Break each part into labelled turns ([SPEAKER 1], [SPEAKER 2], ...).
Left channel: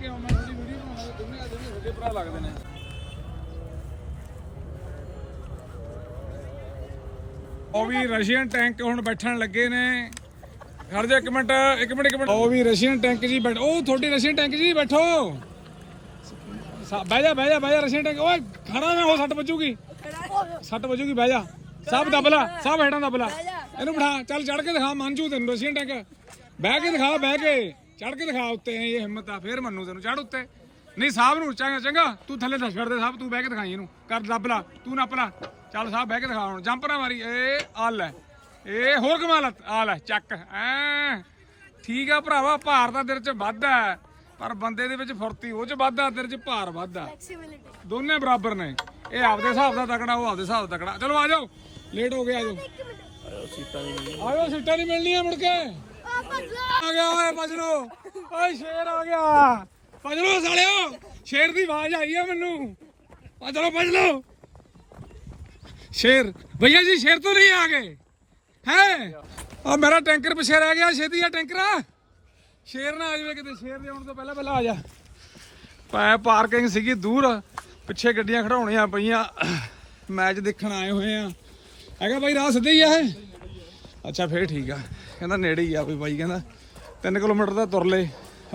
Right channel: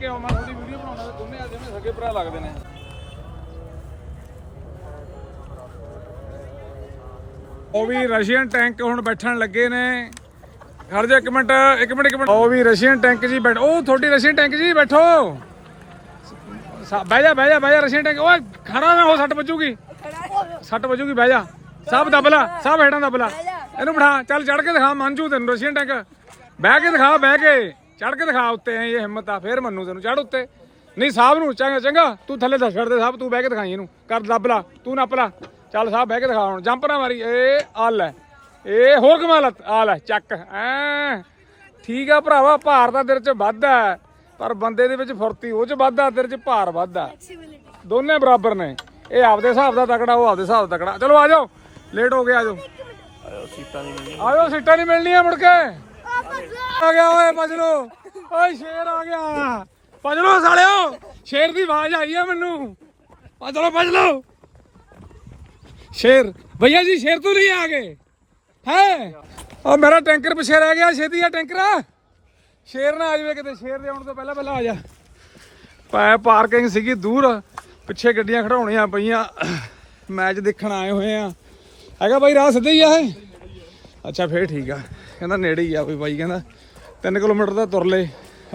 [SPEAKER 1] ਕੇ ਆਉਂ ਮੈਂ ਥੋੜੀ ਵੀਡੀਓ ਬਣਾਉਣਾ ਦੋਨੇ ਆ ਜਾਂਦੇ ਸਕੇ ਭਰਾ ਲੱਗਦੇ ਨੇ। ਉਹ ਵੀ ਰਸ਼ੀਅਨ ਟੈਂਕ ਹੁਣ ਬੈਠਣ ਲੱਗੇ ਨੇ। ਖੜ ਜਾ ਇੱਕ ਮਿੰਟ ਇੱਕ ਮਿੰਟ ਇੱਕ ਮਿੰਟ। ਉਹ ਵੀ ਰਸ਼ੀਅਨ ਟੈਂਕ ਜੀ ਬੈਠ ਉਹ ਤੁਹਾਡੀ ਰਸ਼ੀਅਨ ਟੈਂਕ ਜੀ ਬੈਠੋ। ਬਹਿ ਜਾ ਬਹਿ ਜਾ ਬਹਿ ਜਾ ਰਸ਼ੀਅਨ ਟੈਂਕ। ਓਏ ਖੜਾ ਨਾ ਹੋ ਸੱਟ ਵੱਜੂਗੀ। ਸੱਟ ਵੱਜੂਗੀ ਬਹਿ ਜਾ। ਸਭ ਦਬਲਾ ਸਭ ਹੇਠਾਂ ਦਬਲਾ। ਇਹਨੂੰ ਬਿਠਾ ਚੱਲ ਚੜ ਕੇ ਦਿਖਾ ਮੰਜੂ ਤੈਨੂੰ ਰਸ਼ੀਅਨ ਟੈਂਕ। ਬਹਿ ਕੇ ਦਿਖਾ ਬਹਿ ਕੇ। ਚੜ ਕੇ ਦਿਖਾ ਉੱਤੇ ਐ ਇਹ ਹਿੰਮਤ ਆ ਫੇਰ ਮੰਨੂ ਤੈਨੂੰ ਚੜ ਉੱਤੇ। ਨਹੀਂ ਸਾਹਿਬ ਨੂੰ ਚੰਗਾ ਚੰਗਾ ਤੂੰ ਥੱਲੇ ਦੱਸ ਛੱਡ ਦੇ ਸਾਹਿਬ ਤੂੰ ਬਹਿ ਕੇ ਦਿਖਾਈ ਇਹਨੂੰ। ਕਰ ਦਬਲਾ ਤੂੰ ਨੱਪ ਲਾ। ਚੱਲ ਸਾਹਿਬ ਬਹਿ ਕੇ ਦਿਖਾ ਹੁਣ ਜੰਪ ਨਾ ਮਾਰੀ ਏ ਆ ਲੈ ਇਹ ਹੋਰ ਕਮਾਲਤ ਆ ਲੈ ਚੱਕ ਐ ਠੀਕ ਆ ਭਰਾਵਾ ਭਾਰ ਤਾਂ ਤੇਰੇ ਚ ਵੱਧ ਆ ਪਰ ਬੰਦੇ ਦੇ ਵਿੱਚ ਫੁਰਤੀ ਉਹ ਚ ਵੱਧ ਆ ਤੇਰੇ ਚ ਭਾਰ ਵੱਧ ਆ। ਦੋਨੇ ਬਰਾਬਰ ਨੇ ਇਹ ਆਪਦੇ ਹਿਸਾਬ ਦਾ ਤਕੜਾ ਉਹ ਆਪਦੇ ਹਿਸਾਬ ਦਾ ਤਕੜਾ। ਚਲੋ ਆ ਜਾਓ ਲੇਟ ਹੋ ਗਏ ਆ ਜਾਓ। ਆਜੋ ਸੀਟਾਂ ਨਹੀਂ ਮਿਲਣੀਆਂ ਮੁੜ ਕੇ। ਆ ਗਿਆ ਓਏ ਭੱਜ ਓਏ ਸ਼ੇਰ ਆ ਗਿਆ। ਭੱਜ ਸਾਲਿਓ, ਸ਼ੇਰ ਦੀ ਆਵਾਜ਼ ਆਈ ਆ ਮੈਨੂੰ। ਭੱਜ ਲੋ ਭੱਜ ਸ਼ੇਰ, ਭਈਆ ਜੀ, ਸ਼ੇਰ ਤੂੰ ਨਹੀਂ ਆ ਗਏ? ਹੈ? ਉਹ ਮੇਰਾ ਟੈਂਕਰ ਪਿੱਛੇ ਰਹਿ ਗਿਆ, ਛੇਤੀ ਆ ਟੈਂਕਰ। ਸ਼ੇਰ ਨਾ ਆ ਜਾਵੇ ਕਿਤੇ, ਸ਼ੇਰ ਦੇ ਆਉਣ ਤੋਂ ਪਹਿਲਾਂ ਪਹਿਲਾਂ ਆ ਜਾ। ਪੈ ਪਾਰਕਿੰਗ ਸੀਗੀ ਦੂਰ, ਪਿੱਛੇ ਗੱਡੀਆਂ ਖੜਾਉਣੀਆਂ ਪਈਆਂ। ਮੈਚ ਦੇਖਣ ਆਏ ਹੋਏ ਆ। ਹੈਗਾ ਬਾਈ, ਰਾਹ ਸਿੱਧੇ ਹੀ ਆ ਇਹ? ਅੱਛਾ ਫੇਰ ਠੀਕ ਆ। ਕਹਿੰਦਾ ਨੇੜੇ ਹੀ ਆ ਵੀ ਬਾਈ ਕਹਿੰਦਾ 3 ਕਿਲੋਮੀਟਰ ਦਾ ਤੁਰ ਲੈ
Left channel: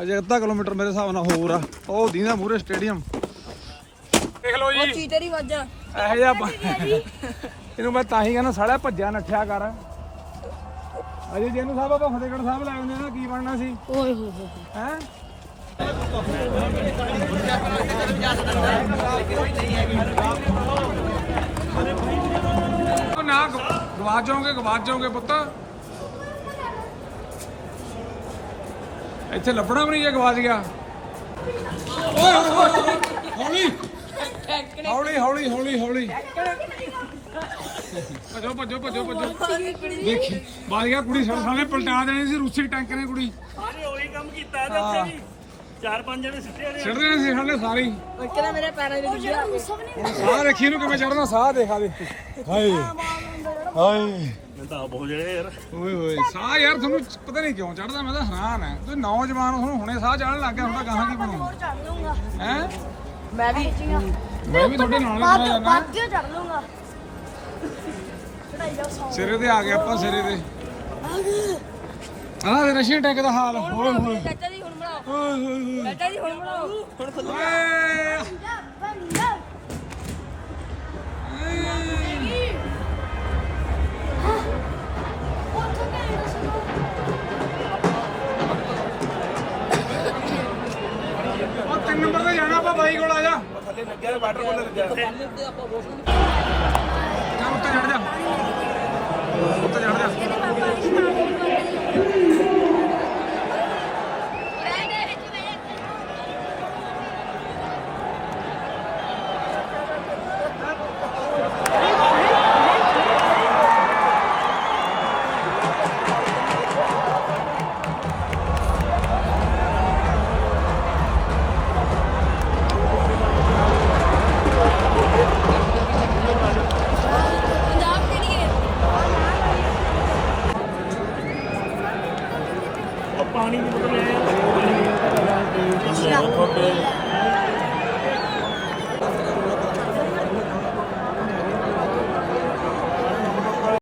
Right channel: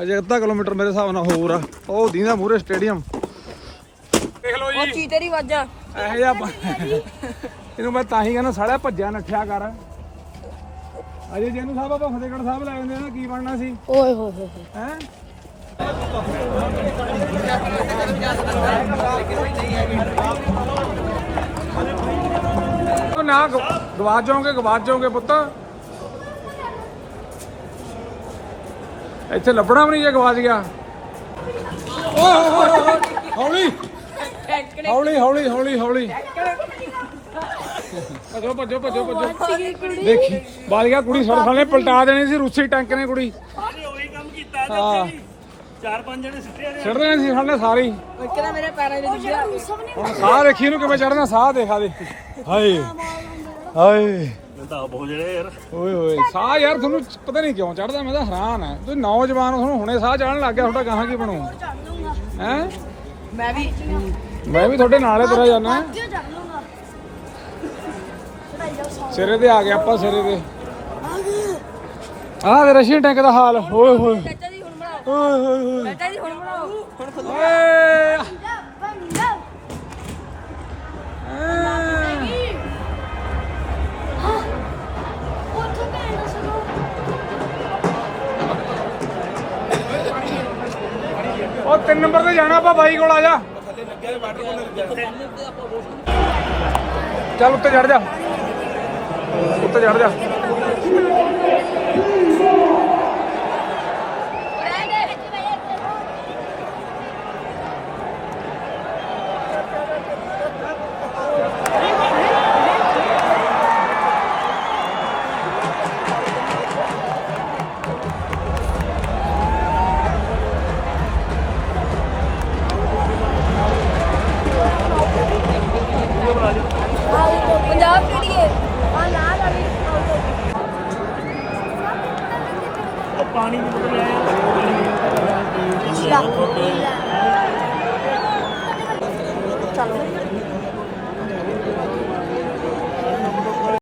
[SPEAKER 1] ਅਜੇ ਅੱਧਾ ਕਿਲੋਮੀਟਰ ਮੇਰੇ ਹਿਸਾਬ ਨਾਲ ਹੋਰ ਆ। ਉਹ ਦੀਨਾ ਮੂਰੇ ਸਟੇਡੀਅਮ। ਦੇਖ ਲਓ ਜੀ।
[SPEAKER 2] ਚੀ ਤੇਰੀ ਵਾਜਾਂ।
[SPEAKER 1] ਇਹੋ ਬ- ਇਹਨੂੰ ਮੈਂ ਤਾਂ ਹੀ ਕਹਿੰਦਾ ਸਾਲਿਆ ਭੱਜਿਆ ਨੱਠਿਆ ਕਰ। ਅਜੇ ਜੇ ਇਹਨੂੰ ਸਾਹਿਬ ਆਪਾਂ ਫਤਿਹਗੜ੍ਹ ਸਾਹਿਬ ਲੈ ਆਉਂਦੇ ਨਾ ਕੀ ਬਣਨਾ ਸੀ?
[SPEAKER 2] ਓਏ ਹੋ ਹੋ
[SPEAKER 1] ਹੈ। ਉਹ ਨਾ ਗਵਾਚ ਜਾਓਗੇ ਗਵਾਚ ਜਾਓਗੇ ਪੁੱਤ। ਇੱਥੇ ਲੱਭਣਾ ਵੀ ਨਹੀਂ ਜੇ ਗਵਾਚ ਗਿਆ ਓਏ ਹੋਏ ਹੋਏ ਹੌਲੀ। ਹੌਲੀ ਹੌਲੀ ਹੌਲੀ ਹੌਲੀ। ਭੱਜੋ ਭੱਜੋ ਭੱਜੋ ਭੱਜੋ। ਦੇਖੀ ਬਾਲ ਗਿਆ ਕੁੜੀ ਸੜ ਸਾਲੇ ਪਲਟਾ ਦੇਣੀ ਸੀ ਰੂਸੀ ਟੈਂਕ ਨੇ ਕੁੜੀ।
[SPEAKER 3] ਸਾਰੇ ਉਹੀ ਕੰਮ ਕੀਤਾ ਤੇ ਉੱਥੇ ਵੀ ਚਾਰ ਪੰਜ ਜਣੇ ਸਿੱਟੇ ਨੇ
[SPEAKER 1] ਛੱਡ ਦੇਣੀ ਸੀ ਸਾਲੇ ਸਾਰੀ
[SPEAKER 2] ਕਹਿੰਦਾ ਮੇਰੇ ਪੈਰਾਂ ਵਿੱਚ ਗਿਆ
[SPEAKER 1] ਹੁਣ ਸਾਹ ਦੇਖੀ ਇਹਨੂੰ ਕਿਵੇਂ ਚੜ੍ਹਨਾ ਸਾਹ ਦੇਖਾ ਦੇ। ਹਾਏ। ਹਾਏ।
[SPEAKER 3] ਮੈਂ ਤਾਂ ਹੋ ਜਿਹੜੇ ਯਾਰ।
[SPEAKER 1] ਓਏ ਹੋਏ ਸਾਹ ਯਾਰ ਤੁਹਾਨੂੰ ਪਤਾ ਨਹੀਂ ਕਿਉਂ ਚੜਦਾ ਮੈਂ ਤਾਂ ਹੈਰਾਨ ਹੈ ਤੁਸੀਂ ਨੌਜਵਾਨ ਹੋ ਤੁਹਾਨੂੰ ਹੁਣੇ ਸਾਹ ਚੜਨ ਲੱਗ ਗਿਆ ਤੁਹਾਡਾ ਗਾਹਾਂ ਕੀ ਬਣੂ ਹੈ?
[SPEAKER 2] ਮੈਂ ਵੀ।
[SPEAKER 1] ਮੈਂ ਵੀ ਤੁਹਾਡੇ ਨਾਲ ਹੀ ਚਲਾ ਜਾਂਦਾ
[SPEAKER 4] ਬਾਕੀ ਚੜ ਲੂੰਗਾ ਚੜਾਈ ਜਾ ਸੌ।
[SPEAKER 1] ਸਿਰੇ ਤੇ ਆ ਗਿਆ ਆਪਾਂ ਸਿਰੇ ਤੇ। ਆਹ ਤੇ ਰਸ਼ੀਅਨ ਟੈਂਕ ਦਾ ਹਾਲ ਓਏ ਹੋਏ।
[SPEAKER 2] ਚਾਚਾ ਜੀ ਹੁਣ ਬਣਾਓ।
[SPEAKER 1] ਓਏ ਹੋਏ ਹੋਏ।
[SPEAKER 2] ਚਾਚਾ ਜੀ ਹੁਣ ਬਣਾਓ। ਹੁਣ ਖੁੱਲ
[SPEAKER 1] ਤਿੰਨ ਨੰਬਰ ਤੇ ਜਾਣਾ ਆਪਾਂ ਬਾਈ ਕੋਲ ਆ ਜਾ। ਚੱਲ ਉੱਤੇ ਚੜ ਜਾ। ਉੱਤੇ ਚੜ ਜਾ।
[SPEAKER 3] पानी